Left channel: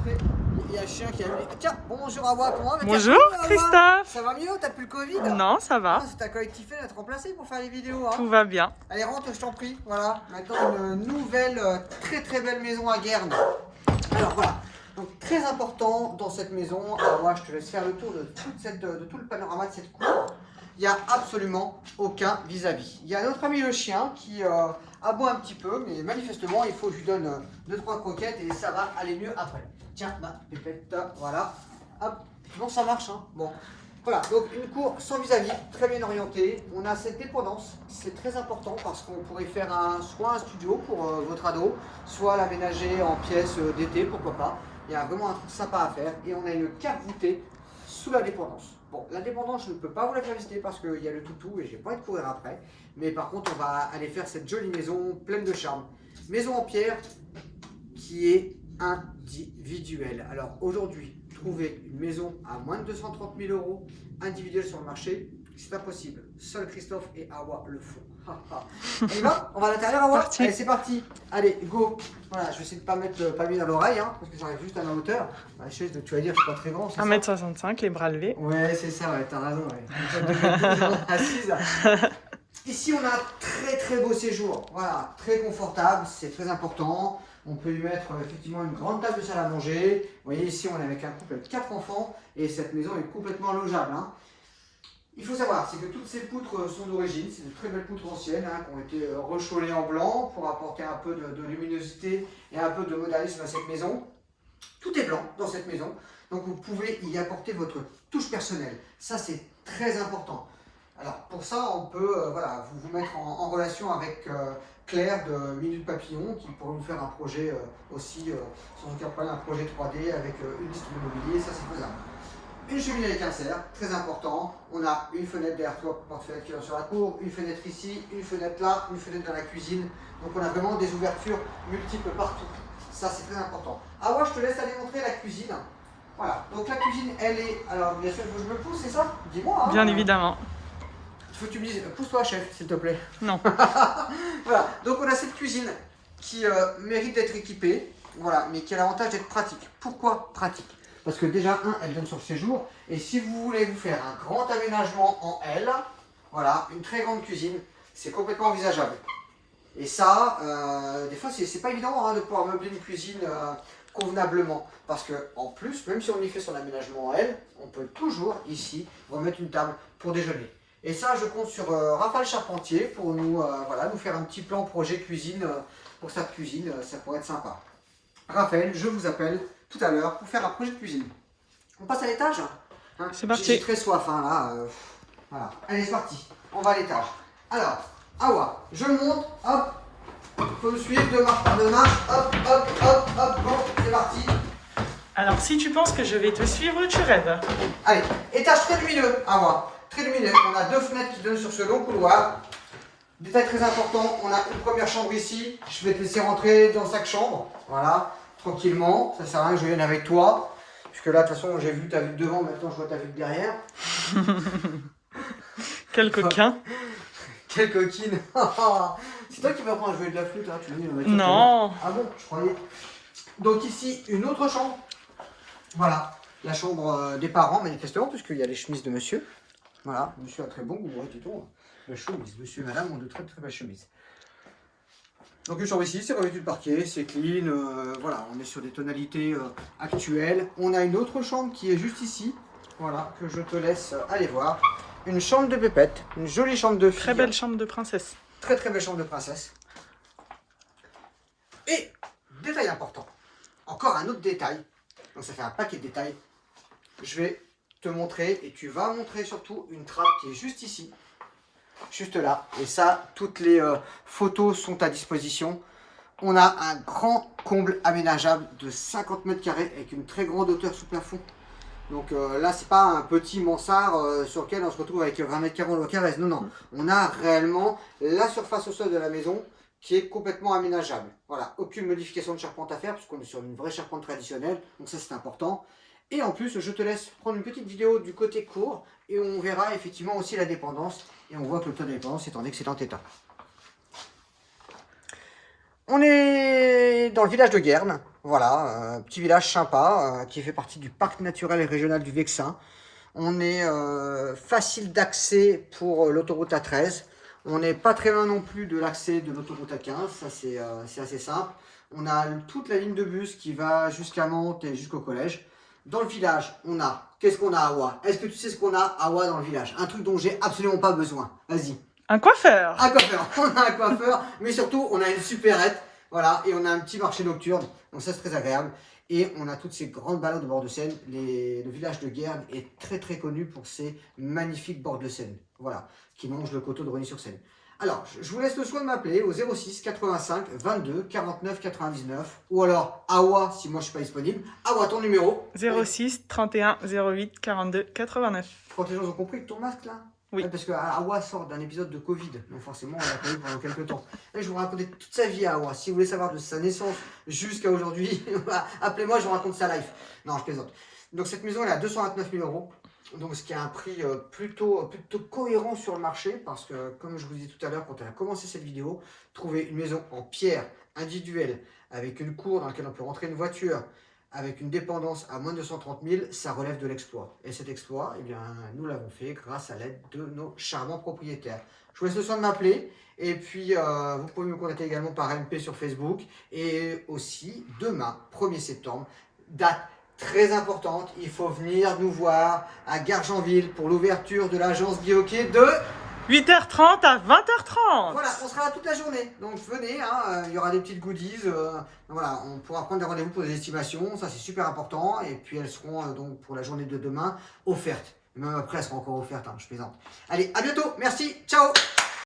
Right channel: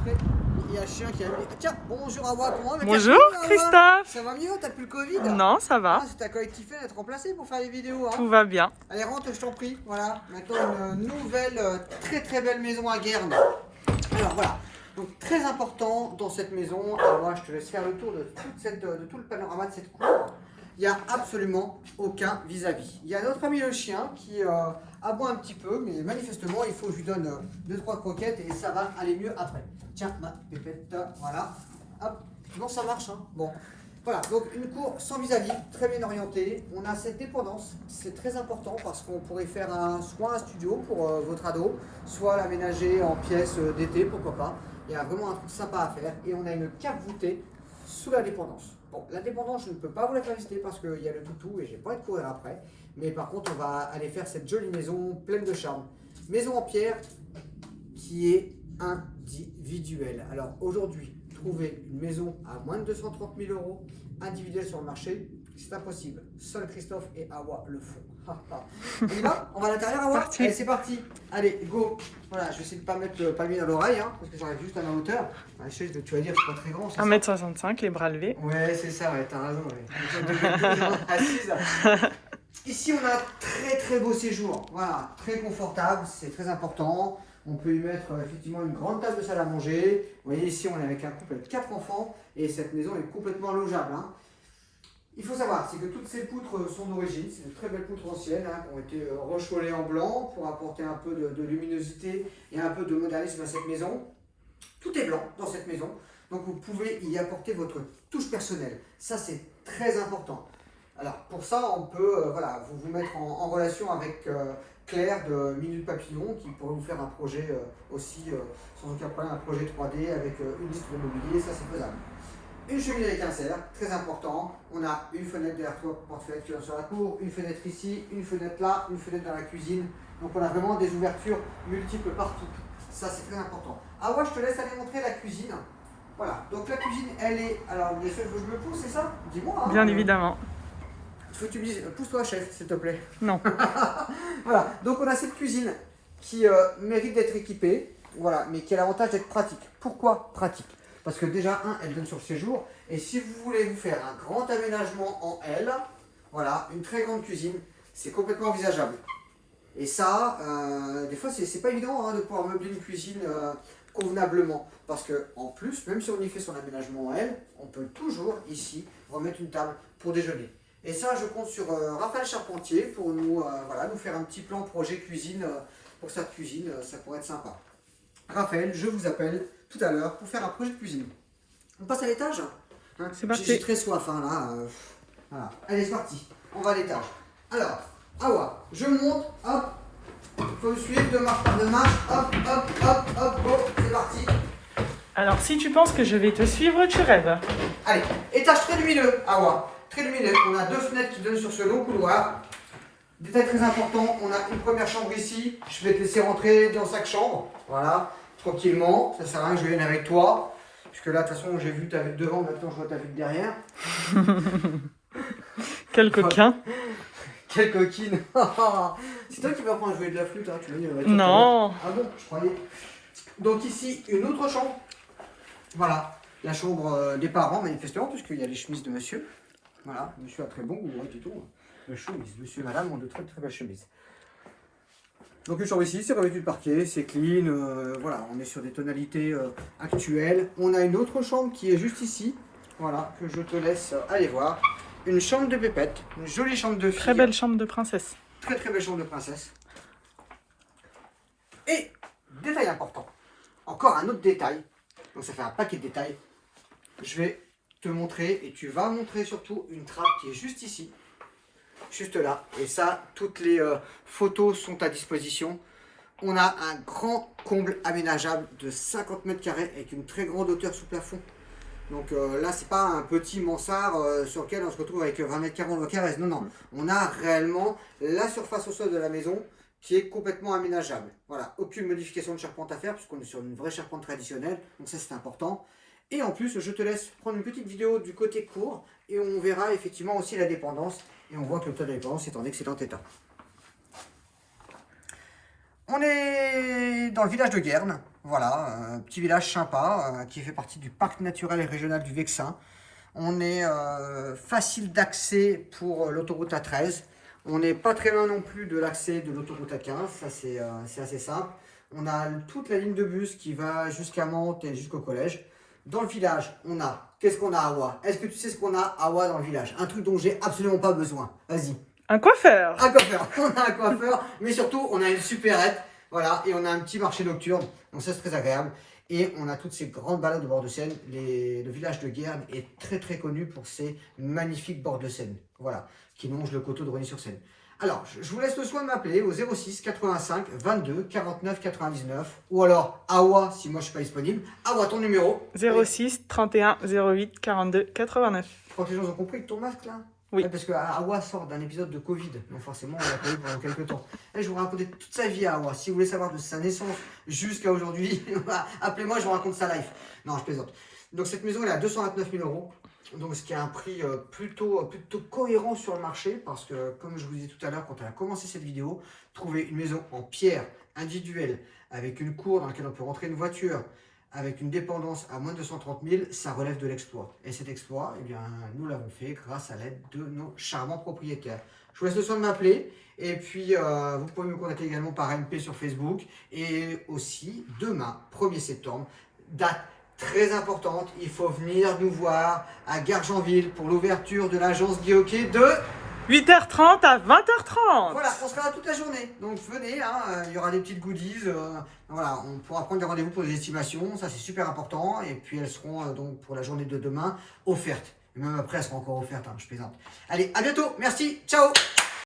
après, il y a un chien qui a mis... Tiens, bonjour Awa, comment va? Bonjour Christophe. Ça va mieux? T'as plus le Covid? Non, ça va. Ah, c'est ta collectivité d'être remplacée pour faire des vidéos. Hein. Tout va bien. Allez, rentre, je t'en prie. Voilà, maintenant une nouvelle très belle maison à Guernes. Alors voilà, donc très important dans cette maison. Alors moi, je te laisse faire le tour de tout le panorama de cette cour. Il n'y a absolument aucun vis-à-vis. Il y a notre ami le chien qui aboie un petit peu, mais manifestement, il faut que je lui donne 2-3 croquettes et ça va aller mieux après. Tiens, ma pépette, voilà. Hop, bon, ça marche, hein. Bon. Voilà, donc une cour sans vis-à-vis, très bien orientée. On a cette dépendance, c'est très important parce qu'on pourrait faire soit un studio pour votre ado, soit l'aménager en pièces d'été, pourquoi pas. Il y a vraiment un truc sympa à faire et on a une cave voûtée sous la dépendance. Bon, la dépendance, je ne peux pas vous la faire visiter parce qu'il y a le toutou et j'ai pas envie de courir après. Mais par contre, on va aller faire cette jolie maison pleine de charme. Maison en pierre qui est individuelle. Alors aujourd'hui, trouver une maison à moins de 230 000 euros individuelle sur le marché, c'est impossible. Seul Christophe et Awa le font. On y va? On va à l'intérieur, Awa? Allez, c'est parti. Allez, go. Voilà, je vais essayer de ne pas mettre le palmier dans l'oreille, hein, parce que j'arrive juste à ma hauteur. La chaise, tu vas dire, je suis pas très grand. 1m65, les bras levés. Ouais, c'est ça, ouais, t'as raison. Ouais. Assise. Ici, on a un très beau séjour. Voilà, très confortable, c'est très important. On peut y mettre effectivement une grande table de salle à manger. Vous voyez, ici, on est avec un couple avec 4 enfants et cette maison est complètement logeable. Hein. Il faut savoir, c'est que toutes ces poutres sont d'origine, c'est de très belles poutres anciennes hein, qui ont été rechaulées en blanc pour apporter un peu de luminosité et un peu de modernisme à cette maison. Tout est blanc dans cette maison, donc vous pouvez y apporter votre touche personnelle. Ça, c'est très important. Alors, pour ça, on peut voilà, vous mettre en relation avec Claire de Minute Papillon qui pourrait vous faire un projet aussi, sans aucun problème, un projet 3D avec une liste de mobilier, ça c'est faisable. Une cheminée avec un cerf, très important. On a une fenêtre derrière toi pour porte-fenêtre qui va sur la cour, une fenêtre ici, une fenêtre là, une fenêtre dans la cuisine. Donc on a vraiment des ouvertures multiples partout. Ça c'est très important. Ah ouais, je te laisse aller montrer la cuisine. Voilà, donc la cuisine elle est... Alors bien sûr, je me pousse, c'est ça? Dis-moi. Hein, Bien évidemment. Il faut que tu me dises, pousse-toi chef, s'il te plaît. Non. Voilà, donc on a cette cuisine qui mérite d'être équipée, voilà, mais qui a l'avantage d'être pratique. Pourquoi pratique? Parce que déjà, elle donne sur le séjour, et si vous voulez vous faire un grand aménagement en L, voilà, une très grande cuisine, c'est complètement envisageable. Et ça, des fois, c'est pas évident hein, de pouvoir meubler une cuisine convenablement. Parce que en plus, même si on y fait son aménagement en L, on peut toujours ici remettre une table pour déjeuner. Et ça, je compte sur Raphaël Charpentier pour nous, voilà, nous faire un petit plan projet cuisine pour cette cuisine, ça pourrait être sympa. Raphaël, je vous appelle tout à l'heure pour faire un projet de cuisine. On passe à l'étage hein. C'est parti. J'ai très soif hein, là. Voilà. Allez, c'est parti. On va à l'étage. Alors, Awa, je monte, hop. Faut me suivre de marche par de marche. Hop, bon, c'est parti. Alors, si tu penses que je vais te suivre, tu rêves. Allez, étage très lumineux, Awa. Très lumineux. On a 2 fenêtres qui donnent sur ce long couloir. Détail très important, on a une première chambre ici. Je vais te laisser rentrer dans chaque chambre. Voilà, tranquillement. Ça sert à rien que je vienne avec toi. Puisque là, de toute façon, j'ai vu ta vue de devant, maintenant je vois ta vue de derrière. Quel coquin. Quelle coquine. C'est toi qui vas apprendre à jouer de la flûte, hein, tu veux dire. Non. Ah bon, je croyais. Donc ici, une autre chambre. Voilà, la chambre des parents, manifestement, puisqu'il y a les chemises de monsieur. Voilà, monsieur a très bon goût, hein, dit-on. La chemise, monsieur et madame ont de très belles chemises. Donc une chambre ici, c'est revêtu de parquet, c'est clean, voilà, on est sur des tonalités actuelles. On a une autre chambre qui est juste ici, voilà, que je te laisse aller voir. Une chambre de pépette, une jolie chambre de fille. Très belle chambre de princesse. Très belle chambre de princesse. Et, détail important, encore un autre détail, donc ça fait un paquet de détails. Je vais te montrer, et tu vas montrer surtout une trappe qui est juste ici. Juste là, et ça, toutes les photos sont à disposition. On a un grand comble aménageable de 50 mètres carrés avec une très grande hauteur sous plafond. Donc là, c'est pas un petit mansard sur lequel on se retrouve avec 20 mètres carrés en carré. Non, on a réellement la surface au sol de la maison qui est complètement aménageable. Voilà, aucune modification de charpente à faire puisqu'on est sur une vraie charpente traditionnelle. Donc ça, c'est important. Et en plus, je te laisse prendre une petite vidéo du côté cour et on verra effectivement aussi la dépendance. Et on voit que le toit de la dépendance est en excellent état. On est dans le village de Guernes, voilà, petit village sympa qui fait partie du parc naturel et régional du Vexin. On est facile d'accès pour l'autoroute A13. On n'est pas très loin non plus de l'accès de l'autoroute A15, ça c'est assez simple. On a toute la ligne de bus qui va jusqu'à Mantes et jusqu'au collège. Dans le village, on a, qu'est-ce qu'on a à Awa? Est-ce que tu sais ce qu'on a à Awa dans le village? Un truc dont j'ai absolument pas besoin. Vas-y. Un coiffeur. Un coiffeur, on a un coiffeur, mais surtout on a une supérette, voilà, et on a un petit marché nocturne, donc ça c'est très agréable. Et on a toutes ces grandes balades au bord de Seine. Le village de Guernes est très très connu pour ses magnifiques bords de Seine, voilà, qui longent le coteau de Rosny-sur-Seine. Alors, je vous laisse le soin de m'appeler au 06 85 22 49 99, ou alors Awa si moi je suis pas disponible. Awa, ton numéro? 06 31 08 42 89. Je crois que les gens ont compris que ton masque là. Oui. Ouais, parce que Awa sort d'un épisode de Covid, donc forcément on l'a pas eu pendant quelques temps. Là, je vais vous raconter toute sa vie à Awa. Si vous voulez savoir de sa naissance jusqu'à aujourd'hui, appelez-moi, je vous raconte sa life. Non, je plaisante. Donc cette maison elle est à 229 000 €, donc ce qui est un prix plutôt cohérent sur le marché, parce que comme je vous disais tout à l'heure quand elle a commencé cette vidéo, trouver une maison en pierre individuelle avec une cour dans laquelle on peut rentrer une voiture, avec une dépendance à moins de 230 000, ça relève de l'exploit. Et cet exploit, eh bien, nous l'avons fait grâce à l'aide de nos charmants propriétaires. Je vous laisse le soin de m'appeler. Et puis, vous pouvez me contacter également par MP sur Facebook. Et aussi, demain, 1er septembre, date très importante. Il faut venir nous voir à Gargenville pour l'ouverture de l'agence Guy Hockey de... 8h30 à 20h30. Voilà, on sera là toute la journée. Donc venez, hein, il y aura des petites goodies. Voilà, on pourra prendre des rendez-vous pour des estimations. Ça, c'est super important. Et puis elles seront donc pour la journée de demain offertes. Et même après, elles seront encore offertes. Hein, je plaisante. Allez, à bientôt. Merci. Ciao.